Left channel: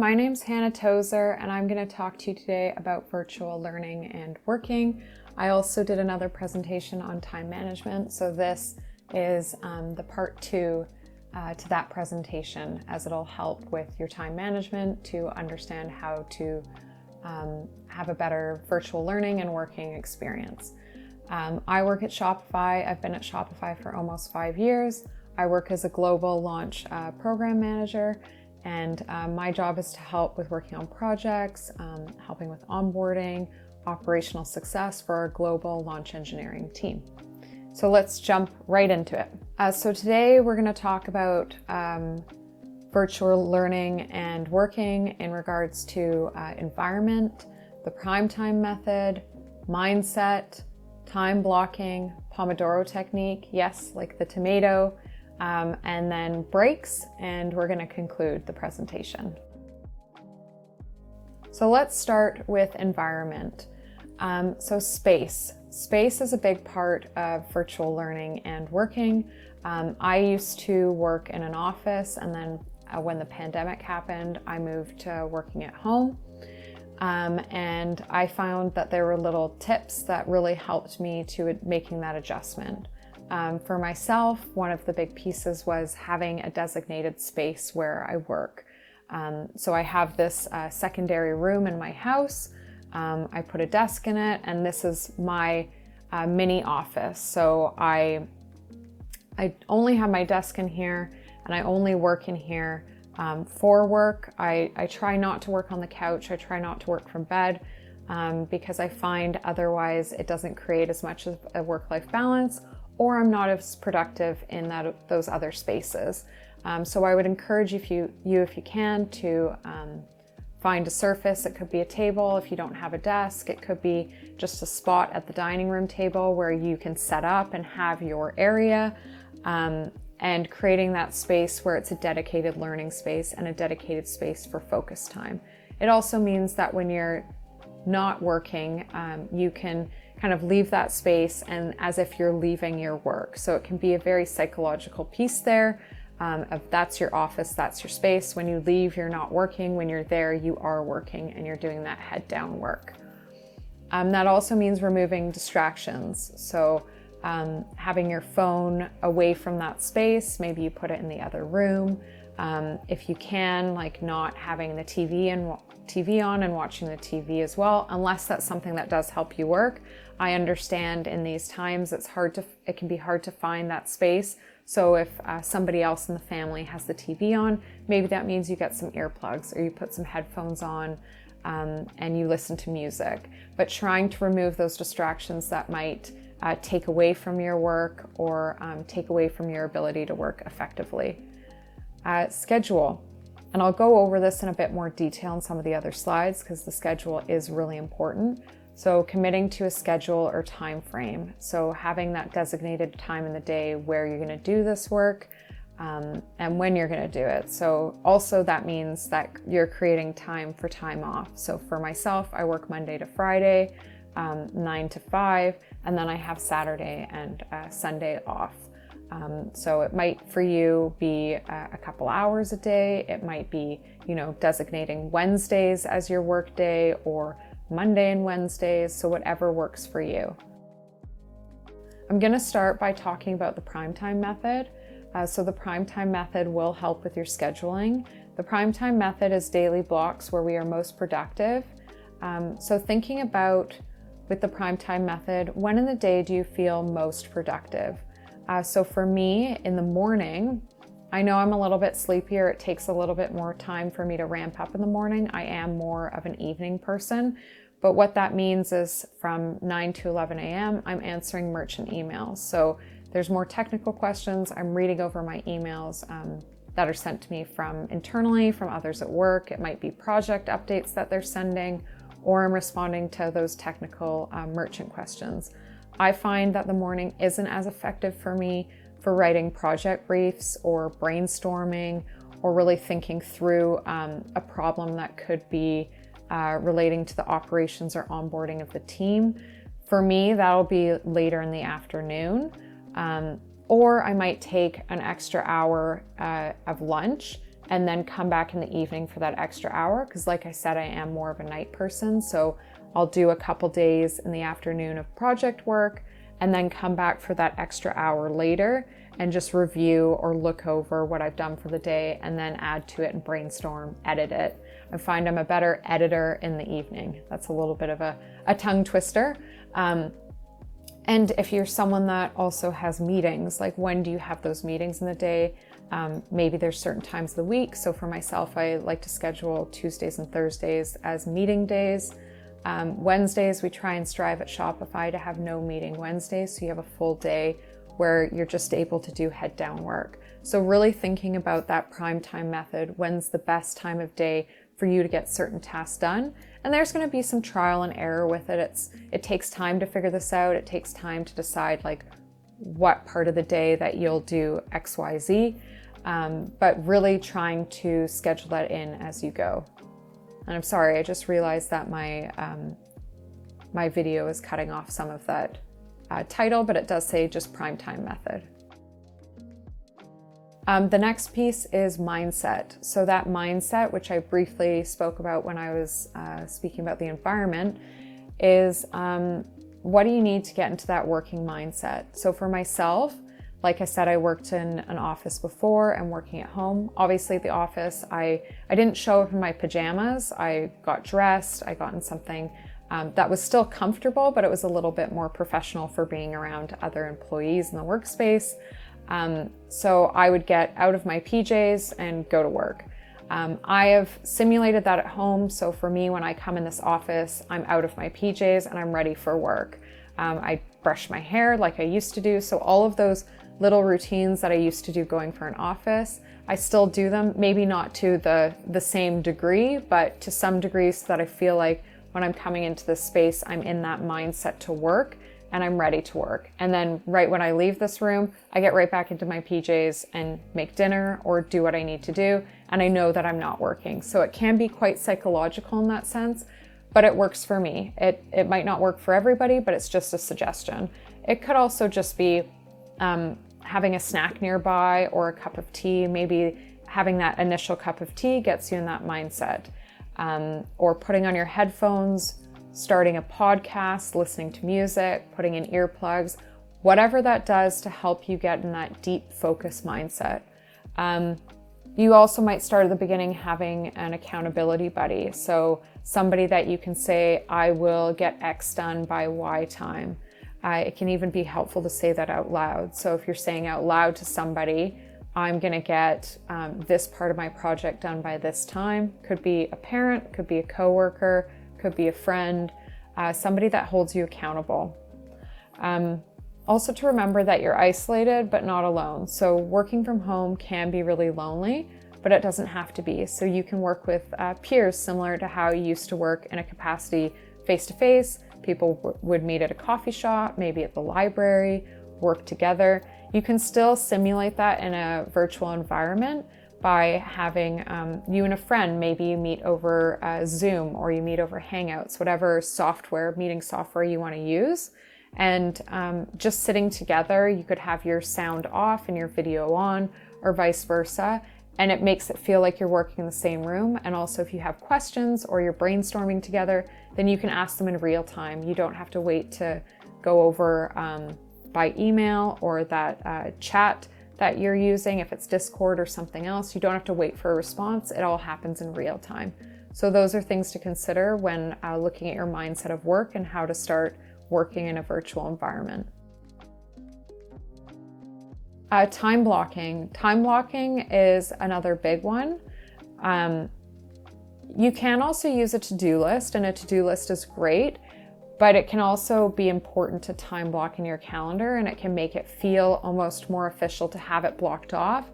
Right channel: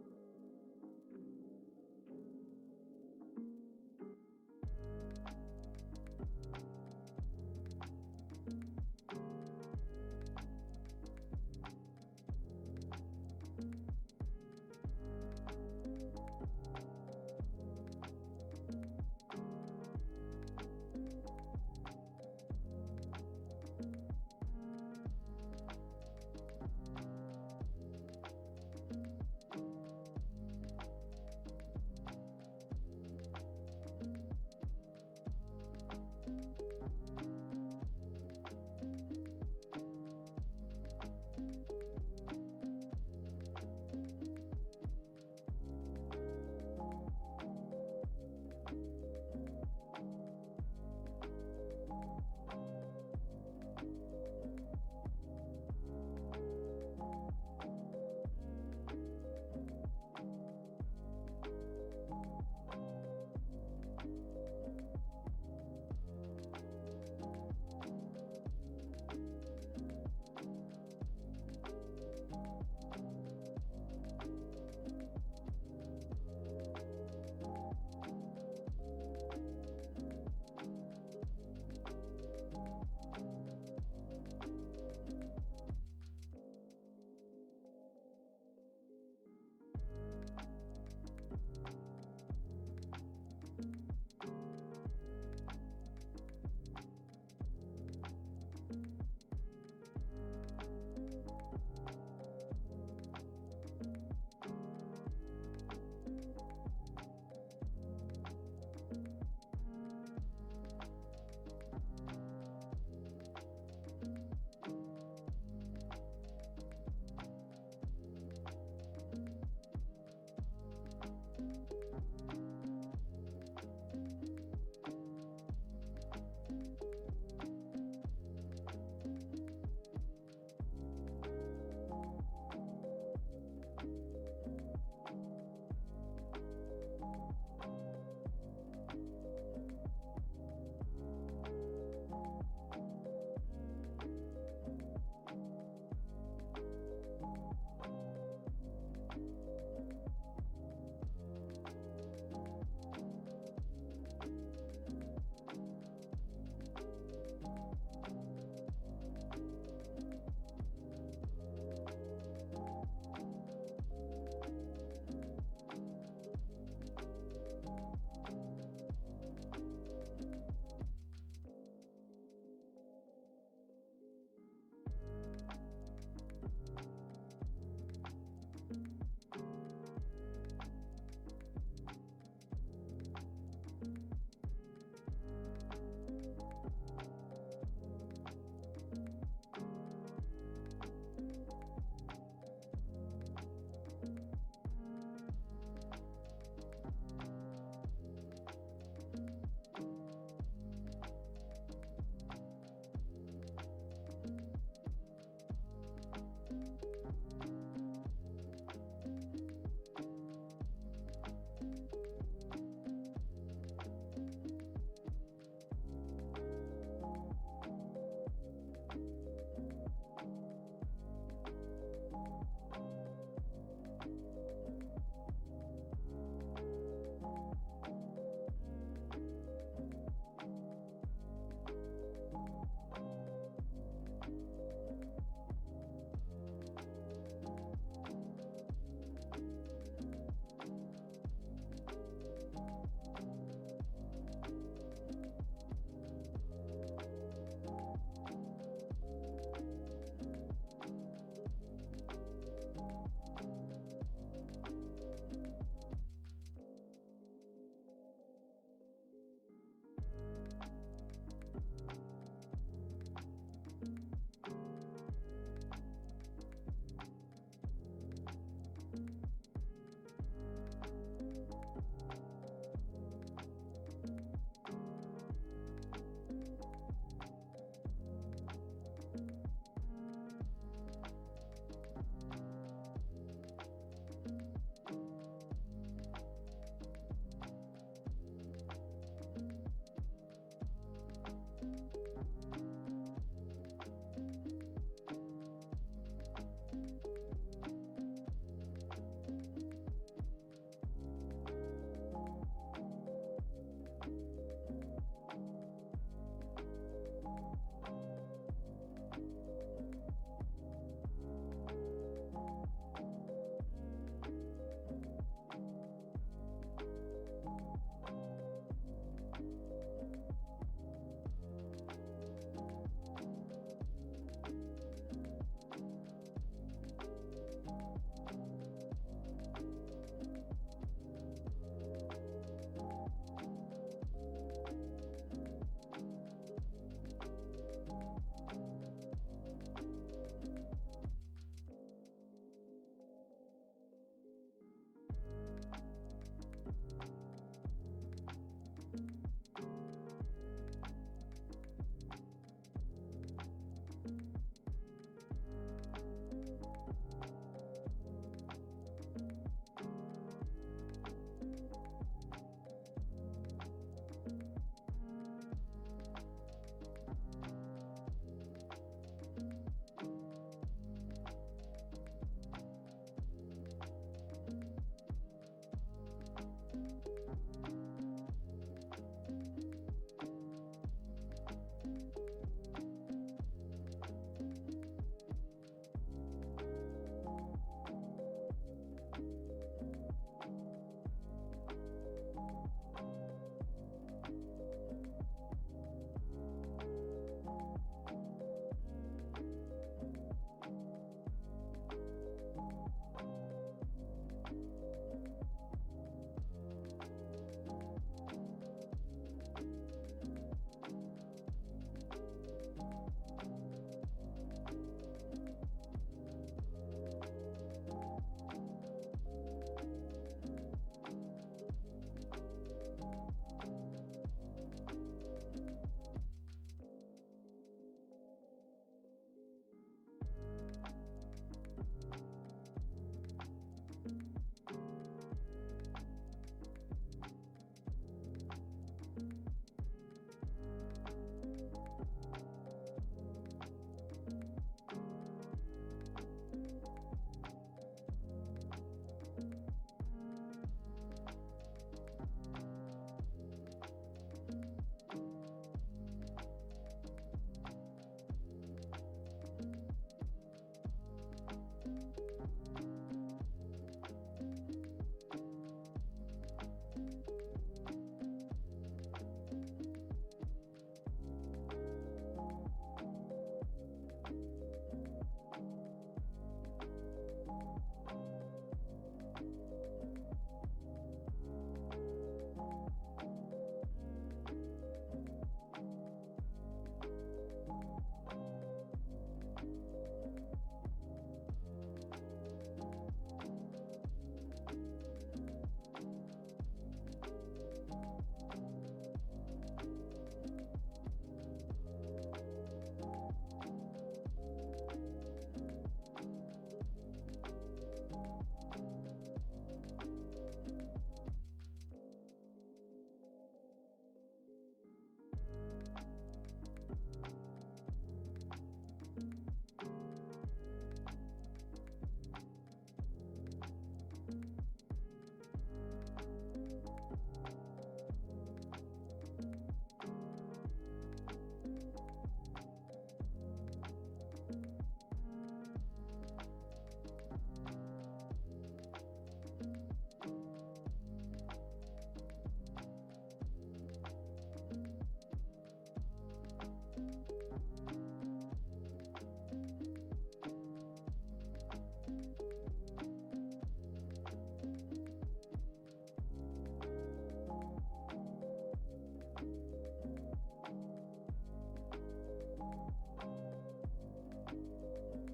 my name's Hannah Tozer and I'm going to talk to you today about virtual learning and working. I also did another presentation on time management, so this is the part 2 to that presentation, as it'll help with your time management to understand how to have a better virtual learning and working experience. I work at Shopify. I've been at Shopify for almost 5 years. I work as a global launch program manager, and my job is to help with working on projects, helping with onboarding, operational success for our global launch engineering team. So let's jump right into it. So today we're going to talk about virtual learning and working in regards to environment, the prime time method, mindset, time blocking, Pomodoro Technique, yes, like the tomato, and then breaks, and we're going to conclude the presentation. So let's start with environment. So space. Space is a big part of virtual learning and working. I used to work in an office, and then when the pandemic happened, I moved to working at home. And I found that there were little tips that really helped me to making that adjustment. For myself, one of the big pieces was having a designated space where I work. So I have this secondary room in my house. I put a desk in it, and this is my mini office. So I only have my desk in here, and I only work in here for work. I try not to work on the couch. I try not to work from bed because I find otherwise it doesn't create as much of a work-life balance, or I'm not as productive in those other spaces. So I would encourage if you can to find a surface. It could be a table if you don't have a desk. It could be just a spot at the dining room table where you can set up and have your area, and creating that space where it's a dedicated learning space and a dedicated space for focus time. It also means that when you're not working, you can kind of leave that space and as if you're leaving your work. So it can be a very psychological piece there. Of that's your office, that's your space. When you leave, you're not working. When you're there, you are working and you're doing that head down work. That also means removing distractions. So having your phone away from that space, maybe you put it in the other room. If you can, like not having the TV on and watching the TV as well, unless that's something that does help you work. I understand in these times it can be hard to find that space. So if somebody else in the family has the TV on, maybe that means you get some earplugs or you put some headphones on and you listen to music. But trying to remove those distractions that might take away from your work or take away from your ability to work effectively. Schedule. And I'll go over this in a bit more detail in some of the other slides because the schedule is really important. So committing to a schedule or time frame. So having that designated time in the day where you're going to do this work and when you're going to do it. So also that means that you're creating time for time off. So for myself, I work Monday to Friday, 9 to 5, and then I have Saturday and Sunday off. So it might for you be a couple hours a day. It might be, designating Wednesdays as your work day or Monday and Wednesdays, so whatever works for you. I'm going to start by talking about the prime time method. So the prime time method will help with your scheduling. The prime time method is daily blocks where we are most productive. So thinking about with the prime time method, when in the day do you feel most productive? So for me, in the morning, I know I'm a little bit sleepier. It takes a little bit more time for me to ramp up in the morning. I am more of an evening person, but what that means is from 9 to 11 a.m., I'm answering merchant emails. So there's more technical questions. I'm reading over my emails that are sent to me from internally, from others at work. It might be project updates that they're sending, or I'm responding to those technical merchant questions. I find that the morning isn't as effective for me for writing project briefs or brainstorming or really thinking through a problem that could be relating to the operations or onboarding of the team. For me, that'll be later in the afternoon. Or I might take an extra hour of lunch and then come back in the evening for that extra hour. Because like I said, I am more of a night person. So I'll do a couple days in the afternoon of project work and then come back for that extra hour later and just review or look over what I've done for the day and then add to it and brainstorm, edit it. I find I'm a better editor in the evening. That's a little bit of a tongue twister. And if you're someone that also has meetings, like when do you have those meetings in the day? Maybe there's certain times of the week. So for myself, I like to schedule Tuesdays and Thursdays as meeting days. Wednesdays, we try and strive at Shopify to have no meeting Wednesdays. So you have a full day where you're just able to do head down work. So really thinking about that prime time method, when's the best time of day for you to get certain tasks done. And there's going to be some trial and error with it. It takes time to figure this out. It takes time to decide like what part of the day that you'll do X, Y, Z, but really trying to schedule that in as you go. And I'm sorry, I just realized that my video is cutting off some of that title, but it does say just prime time method. The next piece is mindset. So that mindset, which I briefly spoke about when I was speaking about the environment, is what do you need to get into that working mindset? So for myself, like I said, I worked in an office before and working at home. Obviously at the office, I didn't show up in my pajamas. I got dressed, I got in something that was still comfortable, but it was a little bit more professional for being around other employees in the workspace. So I would get out of my PJs and go to work. I have simulated that at home. So for me, when I come in this office, I'm out of my PJs and I'm ready for work. I brush my hair like I used to do. So all of those little routines that I used to do going for an office, I still do them, maybe not to the same degree, but to some degree so that I feel like when I'm coming into this space, I'm in that mindset to work and I'm ready to work. And then right when I leave this room, I get right back into my PJs and make dinner or do what I need to do. And I know that I'm not working. So it can be quite psychological in that sense, but it works for me. It might not work for everybody, but it's just a suggestion. It could also just be having a snack nearby or a cup of tea. Maybe having that initial cup of tea gets you in that mindset. Or putting on your headphones, starting a podcast, listening to music, putting in earplugs, whatever that does to help you get in that deep focus mindset. You also might start at the beginning having an accountability buddy. So somebody that you can say, I will get X done by Y time. It can even be helpful to say that out loud. So if you're saying out loud to somebody, I'm going to get this part of my project done by this time. Could be a parent, could be a coworker, could be a friend, somebody that holds you accountable. Also to remember that you're isolated but not alone. So working from home can be really lonely, but it doesn't have to be. So you can work with peers similar to how you used to work in a capacity face-to-face. People would meet at a coffee shop, maybe at the library, work together. You can still simulate that in a virtual environment by having you and a friend, maybe you meet over Zoom or you meet over Hangouts, whatever software, meeting software you want to use. And just sitting together, you could have your sound off and your video on or vice versa. And it makes it feel like you're working in the same room. And also if you have questions or you're brainstorming together, then you can ask them in real time. You don't have to wait to go over by email or that chat that you're using. If it's Discord or something else, you don't have to wait for a response. It all happens in real time. So those are things to consider when looking at your mindset of work and how to start working in a virtual environment. Time blocking. Time blocking is another big one. You can also use a to-do list, and a to-do list is great, but it can also be important to time block in your calendar, and it can make it feel almost more official to have it blocked off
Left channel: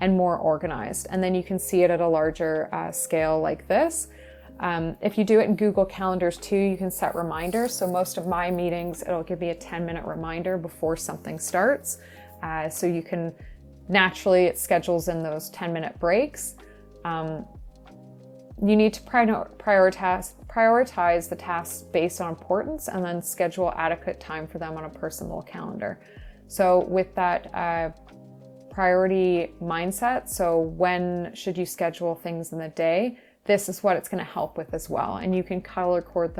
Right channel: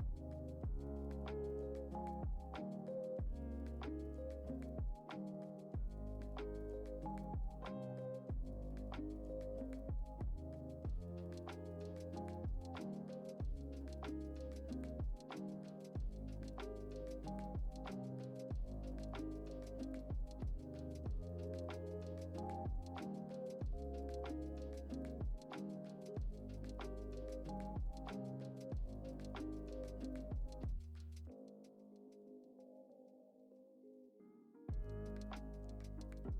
and more organized. And then you can see it at a larger scale like this. If you do it in Google Calendars too, you can set reminders. So most of my meetings, it'll give me a 10-minute reminder before something starts. So you can naturally, it schedules in those 10-minute breaks. You need to prioritize the tasks based on importance and then schedule adequate time for them on a personal calendar. So with that priority mindset, so when should you schedule things in the day, this is what it's going to help with as well. And you can color code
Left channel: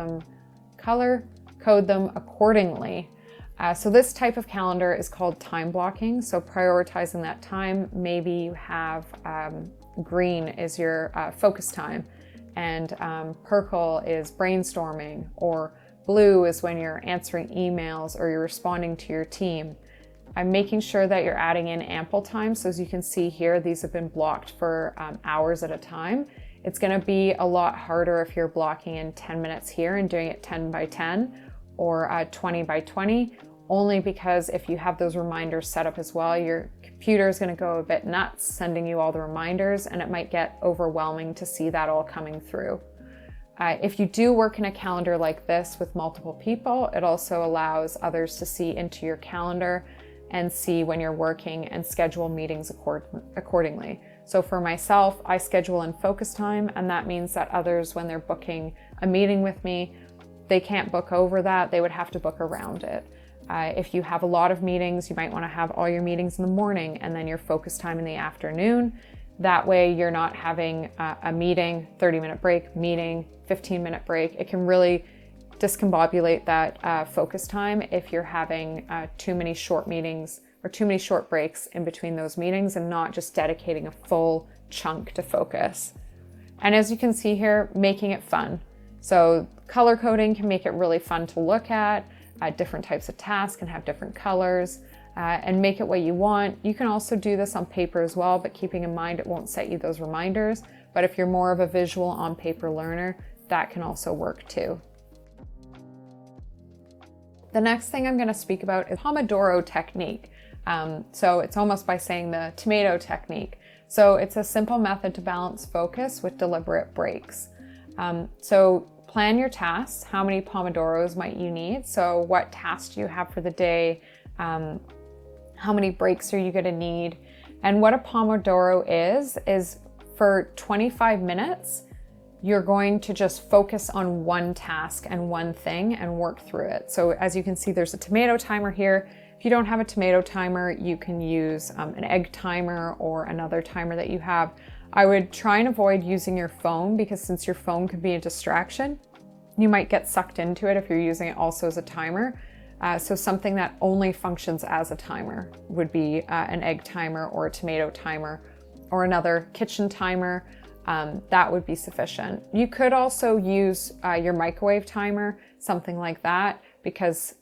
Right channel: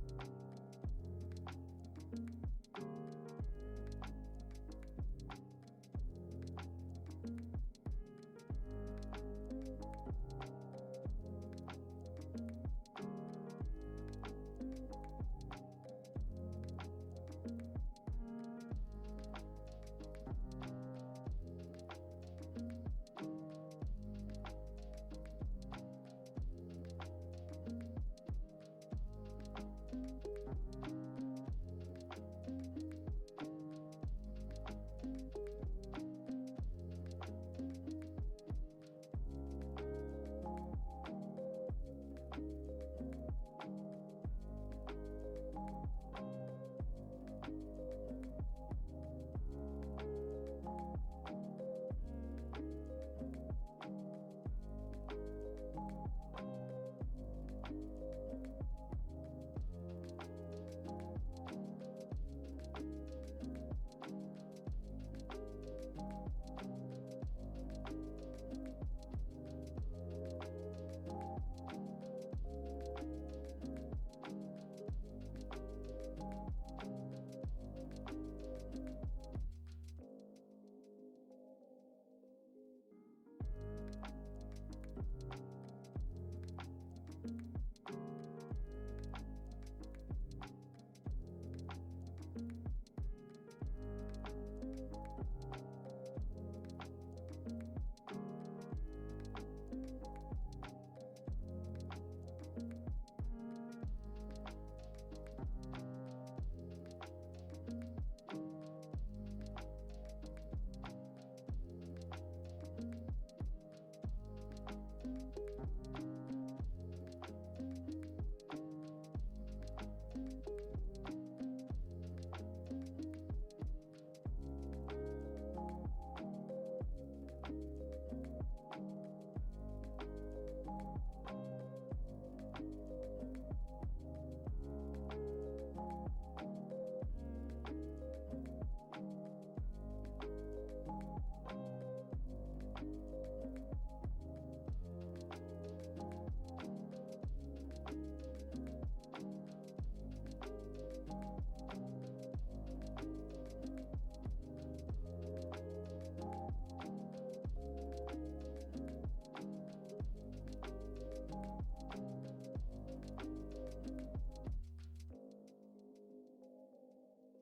them accordingly. So this type of calendar is called time blocking. So prioritizing that time, maybe you have green is your focus time, and purple is brainstorming, or blue is when you're answering emails or you're responding to your team. I'm making sure that you're adding in ample time. So as you can see here, these have been blocked for hours at a time. It's going to be a lot harder if you're blocking in 10 minutes here and doing it 10 by 10 or 20 by 20, only because if you have those reminders set up as well, your computer is going to go a bit nuts sending you all the reminders, and it might get overwhelming to see that all coming through. If you do work in a calendar like this with multiple people, it also allows others to see into your calendar and see when you're working and schedule meetings accordingly. So for myself, I schedule in focus time, and that means that others, when they're booking a meeting with me, they can't book over that, they would have to book around it. If you have a lot of meetings, you might want to have all your meetings in the morning and then your focus time in the afternoon. That way you're not having a meeting, 30-minute break, meeting, 15-minute break. It can really discombobulate that focus time if you're having too many short meetings or too many short breaks in between those meetings and not just dedicating a full chunk to focus. And as you can see here, making it fun. So color coding can make it really fun to look at. Different types of tasks can have different colors, and make it what you want. You can also do this on paper as well, but keeping in mind it won't set you those reminders. But if you're more of a visual on paper learner, that can also work too. The next thing I'm going to speak about is Pomodoro Technique. So it's almost by saying the tomato technique. So it's a simple method to balance focus with deliberate breaks. So plan your tasks. How many Pomodoros might you need? So what tasks do you have for the day? How many breaks are you going to need? And what a Pomodoro is for 25 minutes, you're going to just focus on one task and one thing and work through it. So as you can see, there's a tomato timer here. If you don't have a tomato timer, you can use an egg timer or another timer that you have. I would try and avoid using your phone, because since your phone could be a distraction, you might get sucked into it if you're using it also as a timer. So something that only functions as a timer would be an egg timer or a tomato timer or another kitchen timer. That would be sufficient. You could also use your microwave timer, something like that, because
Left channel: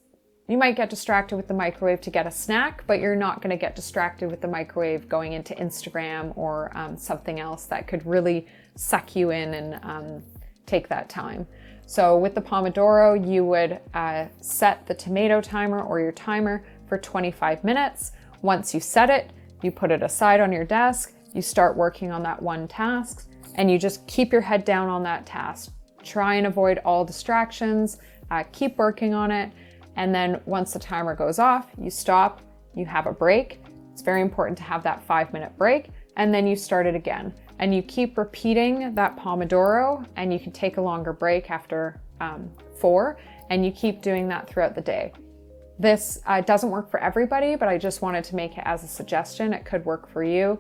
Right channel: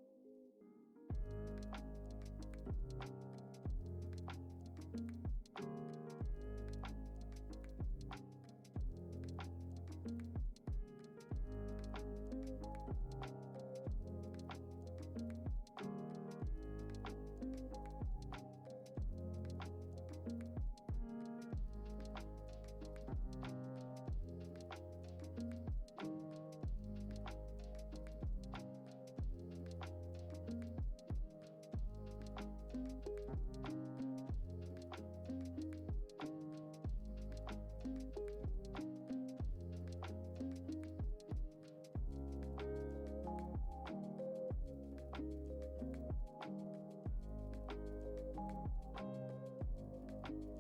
you might get distracted with the microwave to get a snack, but you're not going to get distracted with the microwave going into Instagram or something else that could really suck you in and take that time. So with the Pomodoro, you would set the tomato timer or your timer for 25 minutes. Once you set it, you put it aside on your desk, you start working on that one task, and you just keep your head down on that task. Try and avoid all distractions, keep working on it, and then once the timer goes off, you stop, you have a break. It's very important to have that 5-minute break, and then you start it again. And you keep repeating that Pomodoro, and you can take a longer break after 4, and you keep doing that throughout the day. This doesn't work for everybody, but I just wanted to make it as a suggestion. It could work for you.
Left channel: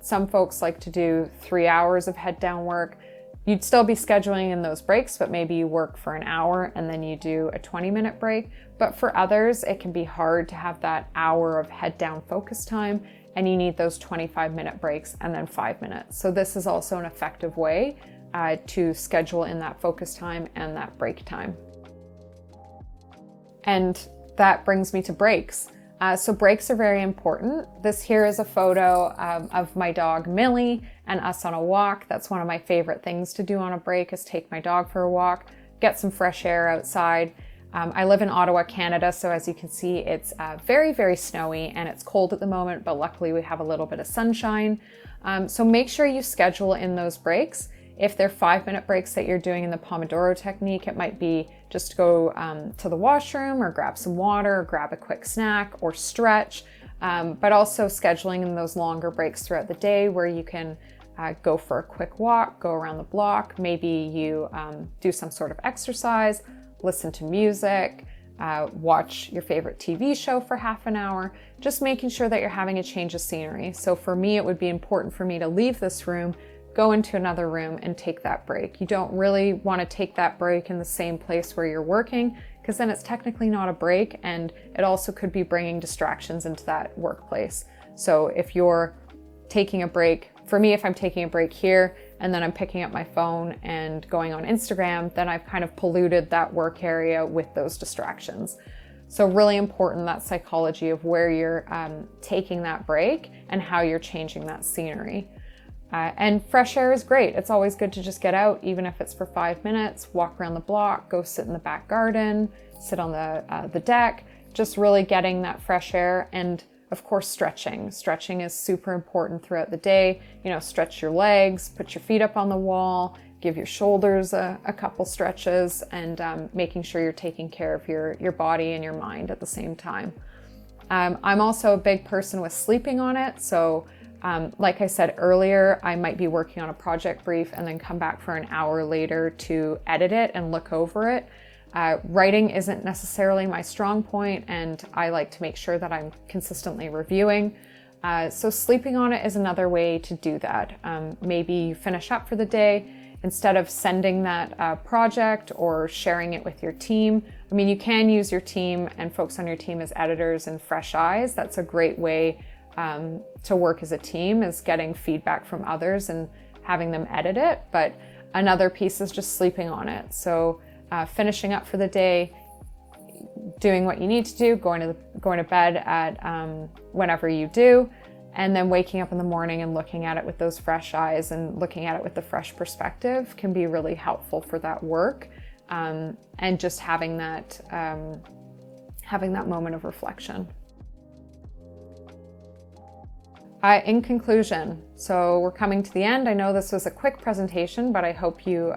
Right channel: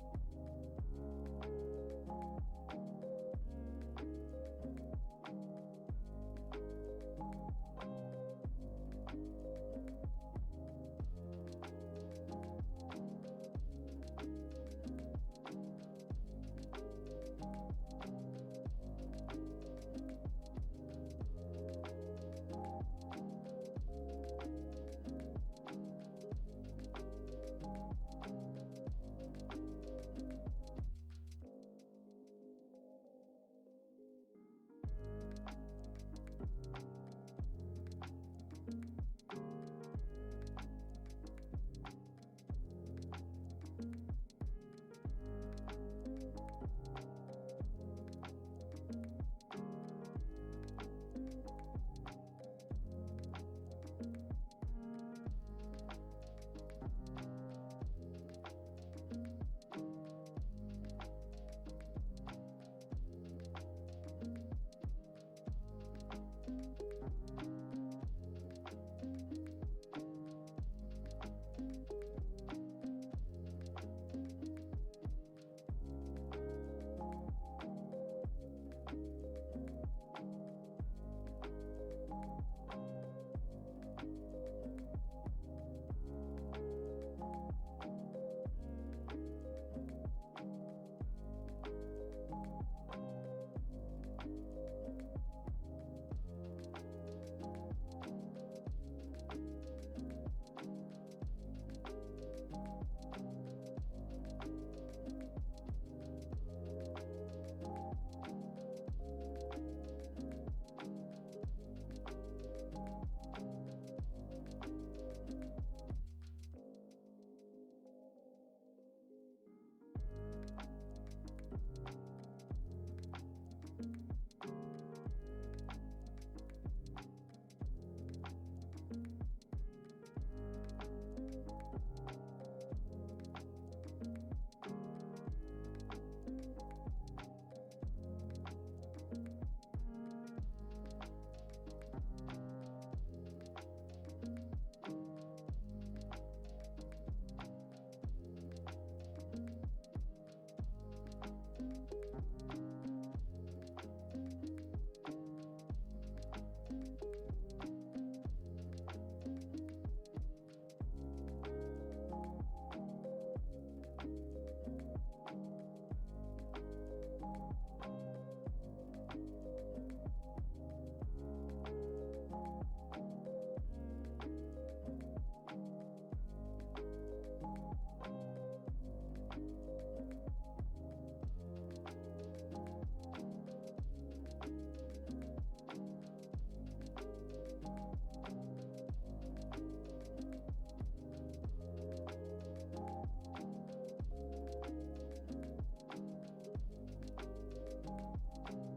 Some folks like to do 3 hours of head down work. You'd still be scheduling in those breaks, but maybe you work for an hour and then you do a 20-minute break. But for others, it can be hard to have that hour of head down focus time, and you need those 25-minute breaks and then 5 minutes. So this is also an effective way to schedule in that focus time and that break time. And that brings me to breaks. So breaks are very important. This here is a photo of my dog Millie and us on a walk. That's one of my favorite things to do on a break, is take my dog for a walk, get some fresh air outside. I live in Ottawa, Canada, so as you can see, it's very, very snowy and it's cold at the moment, but luckily we have a little bit of sunshine. So make sure you schedule in those breaks. If they're 5-minute breaks that you're doing in the Pomodoro technique, it might be just to go to the washroom or grab some water, or grab a quick snack or stretch, but also scheduling in those longer breaks throughout the day where you can go for a quick walk, go around the block. Maybe you do some sort of exercise, listen to music, watch your favorite TV show for half an hour, just making sure that you're having a change of scenery. So for me, it would be important for me to leave this room, go into another room and take that break. You don't really want to take that break in the same place where you're working, because then it's technically not a break, and it also could be bringing distractions into that workplace. So if you're taking a break, for me, if I'm taking a break here and then I'm picking up my phone and going on Instagram, then I've kind of polluted that work area with those distractions. So really important, that psychology of where you're taking that break and how you're changing that scenery. And fresh air is great. It's always good to just get out, even if it's for 5 minutes, walk around the block, go sit in the back garden, sit on the deck, just really getting that fresh air. And of course, stretching. Stretching is super important throughout the day. You know, stretch your legs, put your feet up on the wall, give your shoulders a couple stretches, and making sure you're taking care of your body and your mind at the same time. I'm also a big person with sleeping on it. So like I said earlier, I might be working on a project brief and then come back for an hour later to edit it and look over it. Writing isn't necessarily my strong point, and I like to make sure that I'm consistently reviewing. So sleeping on it is another way to do that. Maybe you finish up for the day, instead of sending that project or sharing it with your team. I mean, you can use your team and folks on your team as editors and fresh eyes. That's a great way to work as a team, is getting feedback from others and having them edit it. But another piece is just sleeping on it. So finishing up for the day, doing what you need to do, going to bed at whenever you do, and then waking up in the morning and looking at it with those fresh eyes and looking at it with the fresh perspective can be really helpful for that work, and just having that moment of reflection. In conclusion, so we're coming to the end. I know this was a quick presentation, but I hope you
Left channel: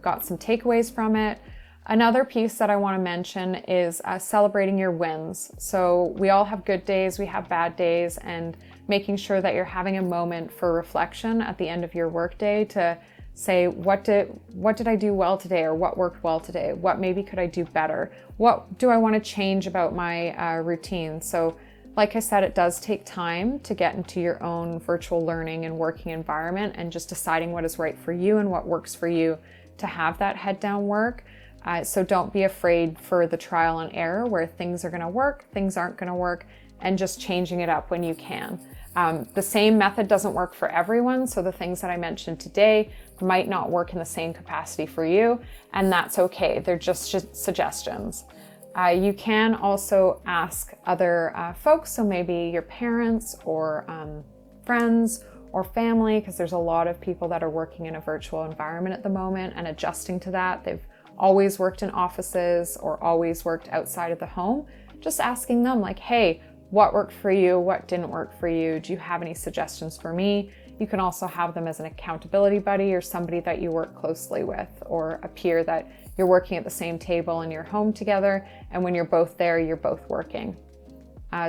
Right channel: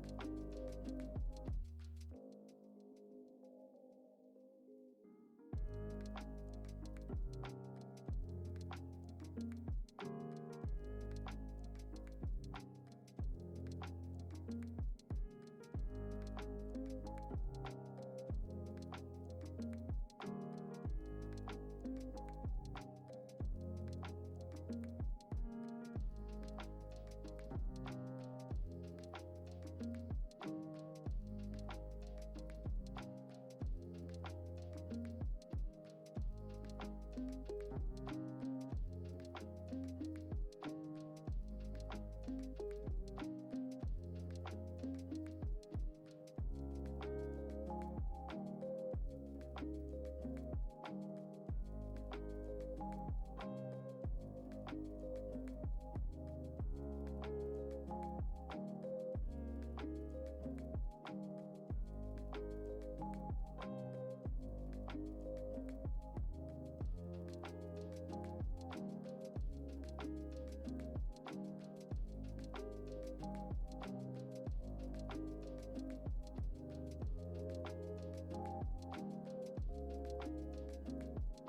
got some takeaways from it. Another piece that I want to mention is celebrating your wins. So we all have good days, we have bad days, and making sure that you're having a moment for reflection at the end of your workday to say, what did I do well today, or what worked well today? What maybe could I do better? What do I want to change about my routine? So like I said, it does take time to get into your own virtual learning and working environment, and just deciding what is right for you and what works for you to have that head down work. So don't be afraid for the trial and error, where things are going to work, things aren't going to work, and just changing it up when you can. The same method doesn't work for everyone, so the things that I mentioned today might not work in the same capacity for you, and that's okay. They're just suggestions. You can also ask other folks, so maybe your parents or friends or family, because there's a lot of people that are working in a virtual environment at the moment and adjusting to that. They've always worked in offices or always worked outside of the home. Just asking them, like, hey, what worked for you? What didn't work for you? Do you have any suggestions for me? You can also have them as an accountability buddy, or somebody that you work closely with, or a peer that you're working at the same table in your home together, and when you're both there, you're both working.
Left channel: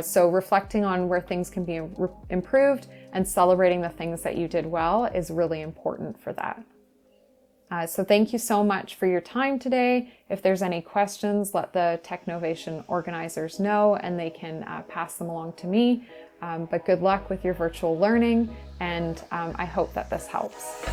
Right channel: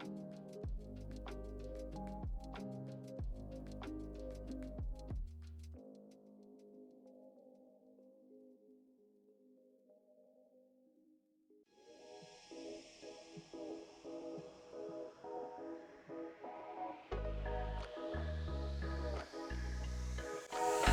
So reflecting on where things can be improved and celebrating the things that you did well is really important for that. So thank you so much for your time today. If there's any questions, let the Technovation organizers know, and they can pass them along to me. But good luck with your virtual learning, and I hope that this helps.